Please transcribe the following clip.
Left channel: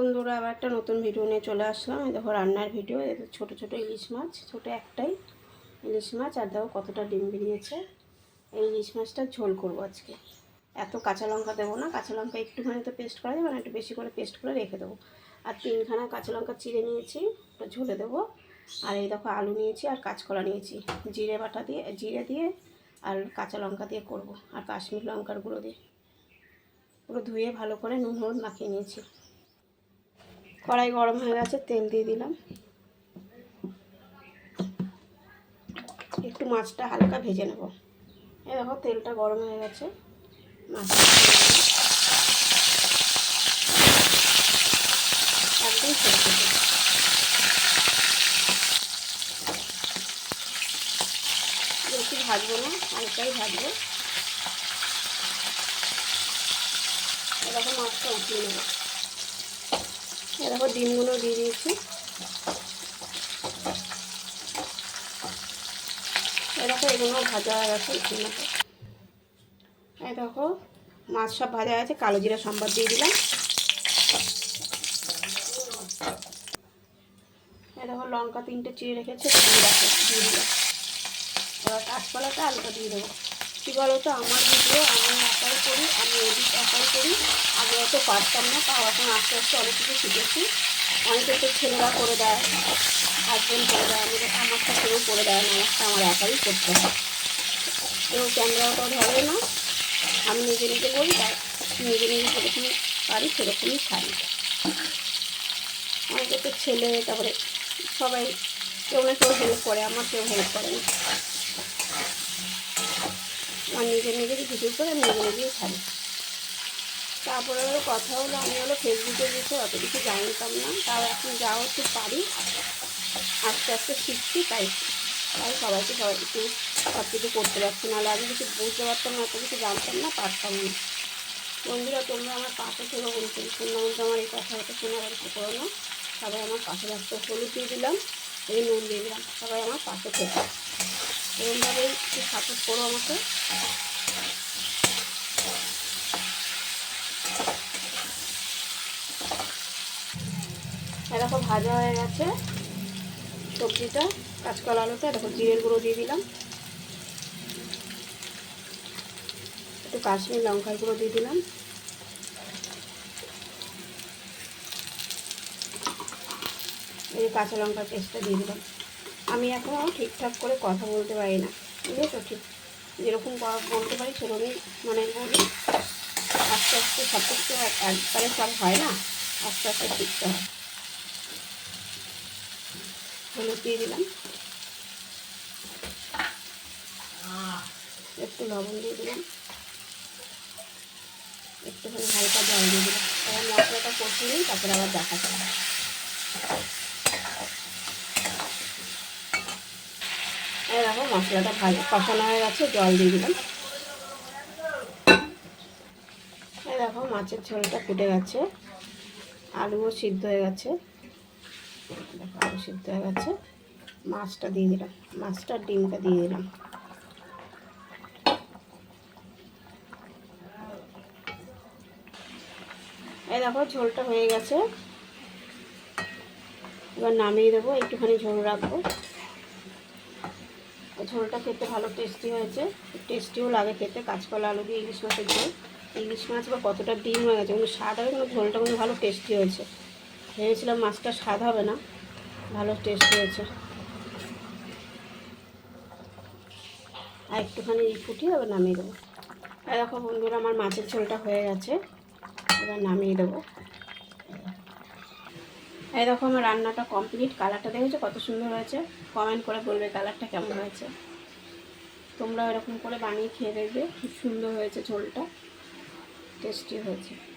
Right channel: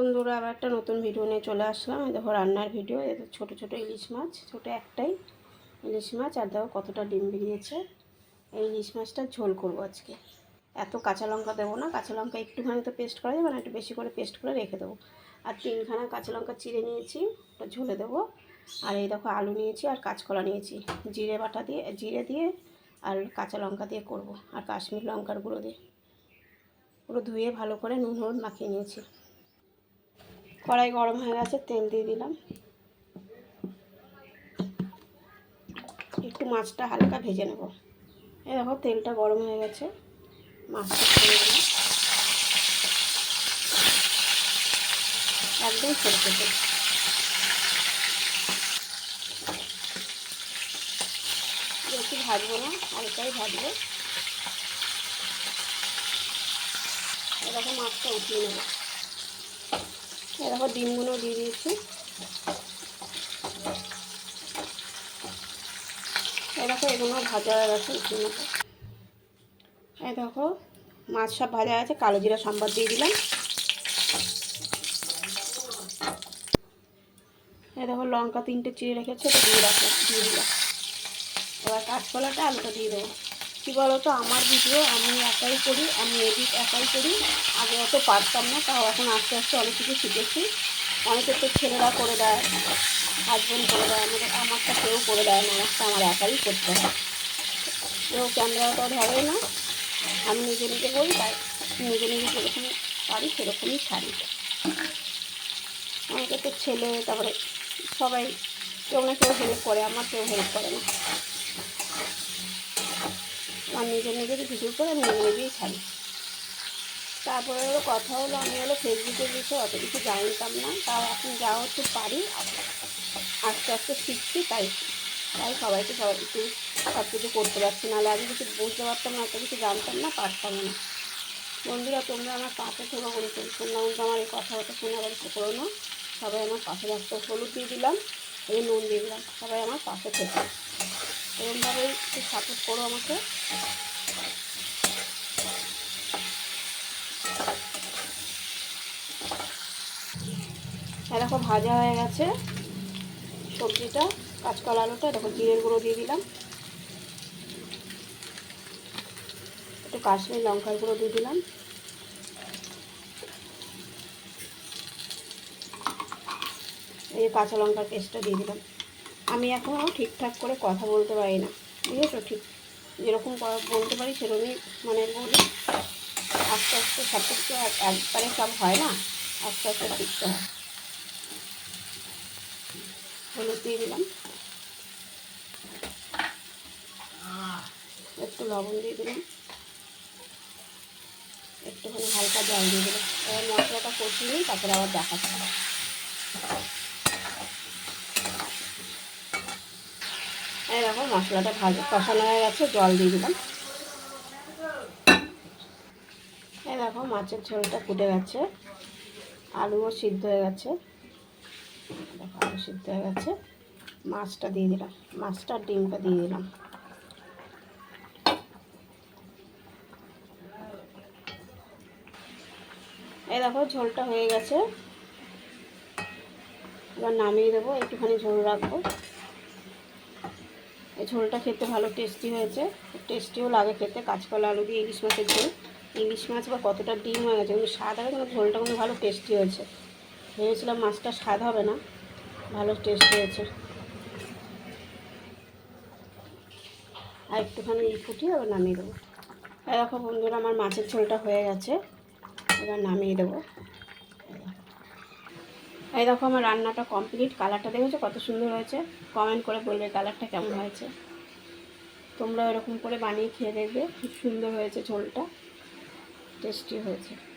বন্ধুরা, আবার একটা নতুন ভিডিও নিয়ে চলে আসলাম। এই দেখো, রান্নার ভিডিও ছোটো ছোটো ইলিশ মাছ, ছোটো একটাই ইলিশ মাছ। আর দেখো, কতটা ডিম বেরিয়েছে। এই ইলিশ মাছটা ঝোল করব আজকে। এত কাঁচা লঙ্কা দেবো না। কাঁচা লঙ্কা একটুখানি তো পেস্ট করা যাবে না, একটু বেশি করে পেস্ট করে রেখে দেবো। আর তিনখানা কাঁচা লঙ্কা চিড়ে নিয়েছি, ওটা ঝোলে দেবো। আর এই দেখো, আলু নিয়েছি আর কাঁচকলা নিয়েছি। জিরে বাটা দিয়ে, জিরে দিয়ে আর কাঁচা লঙ্কা দিয়ে করব। আর কাশ্মীর লঙ্কার গুঁড়ো দিয়ে। পুরো ধুয়ে ভালো করে নুন হলুদ মাখিয়ে নিয়েছি। কড়াই গরম হয়ে গেছে, তেল দিয়ে দিলাম। একটু মাছটা হালকা ভেজে নেব। এই দেখো, তেলটা গরম হয়ে গেছে। মাছটা একদম ছেড়ে দেবো বেশি ভাজবো না, হালকাই ভাজবো। এরকম মাছটা উঠিয়ে নেব। এরকম ডিমগুলো দিয়ে দিয়েছি। এরকম এগুলো ভাজা হয়ে গেছে নেব এই দেখো, মাছ সব ভাজা আছে কালো জিরা সম্বাদ দিয়ে দিলাম। এই দেখো লঙ্কা তিনটে চিড়ে রেখেছে দিয়ে রাখো দিয়ে দিলাম। এবার কাঁচকলাটা আলুটা দিয়ে দেবো। কী বলো তো আমার ভিডিও আমি একাই করি, আমি এডিট একাই করি। আগে অত পারতাম না, তাও এখন আস্তে আস্তে অনেক কিছু শিখেছি। অনেকে তো ছেলেরা করে দেয় হাজব্যান্ড করে দেয়, আমাদের আমারটা কেউ করে দেয় না, আমারটা আমার একাই করতে হয়। কেউ ক্যামেরাটাও ধরে না, আমি নিজে নিজে করি, তাই নিজে নিজে যেরকম পারি, সেরকমই ছাড়ি। অনেকে তো ছেলে, তারপরে সবাই কেউ না কেউ হেল্প করে, আমার কেউ হেল্প করে না। আমার নিজে নিজেরই ভিডিও করে আমি নিজে নিজেই ছাড়ি। তারপরে হলো কথা হলো, আমি হলো ফেসবুকের বিষয়ে অত কিছু জানতাম না। তাও এখন যা হচ্ছে পারি, আস্তে আস্তে শিখছি, তাই তাই সবাইকে সবাই একটু সব কিছু করতে পারছি। নাহলে আমি কিছু বুঝতে পারতাম না এত কিছু জানতাম না, পারতাম না। বন্ধুরা, তোমরা আমার পাশে থেকো তোমরা কিন্তু আমার এই কথা হতো শুনে আবার একটু করো না। সবাই আমার পাশে থাকতো হলুদ দিয়ে দিলাম, এই নুন দিয়ে দিলাম, সবাই আমার পাশে থেকো। এরকমভাবেই একটু সাপোর্ট করো আমাকে। দেখো, ভাজা হয়ে গেছে সবজিটা, কাঁচকলা আলুটা, দেখো, জিরের গুঁড়ো দিয়ে দিলাম। একটু কাশ্মীর লঙ্কার গুঁড়ো দিয়ে দিলাম। এই কাঁচা লঙ্কার পেস্টটা দিয়ে দিলাম। আমি এখনও ঠিকঠাক করে কথা বলতে পারি না, বুঝেছ? ঠিক যেরকম বলতে পারি সেরকমই মানে বলি। আস্তে আস্তে সব কিছু একবারে সব হয় না? আস্তে আস্তে শিখতে হয়। হলুদ দিয়ে দিলাম। একটু লবণ দিয়ে দিলাম। একটুখানি হালকা জল দিয়ে দিলাম। এবার মশলাটা কষিয়ে নিই তারপরে আবার দেখাচ্ছি। দেখো, মশলাটা ভাজা কষানো হয়ে গেছে, জল দিয়ে দিলাম। দেখো, মাছের ঝোলটা ফুটে গেছে। আলুও সিদ্ধ হয়ে গেছে। দেখো, আলু সিদ্ধ হয়ে গেছে। মাছটা দিয়ে দিলাম। মাছটা ডিমটা দিয়ে দিলাম। এই দেখো, ঝোলটা হয়ে গেছে। এবার নামিয়ে দেবো, একটুখানি ঝোল রাখব। ঝোলটা খেতে ভালো টেস্টি হয়েছে। টেস্টিও লাগে খেতে, কাঁচকলা, আলু দিয়ে ইলিশ মাছের ঝোল। ইলিশ মাছ বা কতটা ডিম হয়ে গেছে কিন্তু স্বাদ হবে কিন্তু ঝোলটা কিন্তু ভালো টেস্টি হয়েছে। ভেবেছিলাম মাছটা স্বাদ হবে না, ভালো টেস্ট হয়েছে। আর একটুখানি ফুটিয়ে এবার নামিয়ে দেবো। দেখো বন্ধুরা, আমার মাছের ঝোলটা হয়ে গেছে, এবার নামিয়ে দেবো। এই দেখো আমার রান্নাটা কমপ্লিট কালারটা দেখেছ? কত সুন্দর হয়েছে। কমেন্ট করে বলবে কালারটা কেমন হয়েছে। তোমরা এরকম করে বানিয়ে খেয়ে দেখবে, খুব সুন্দর হয়েছে ঝোলটা। টেস্টি হয়েছে।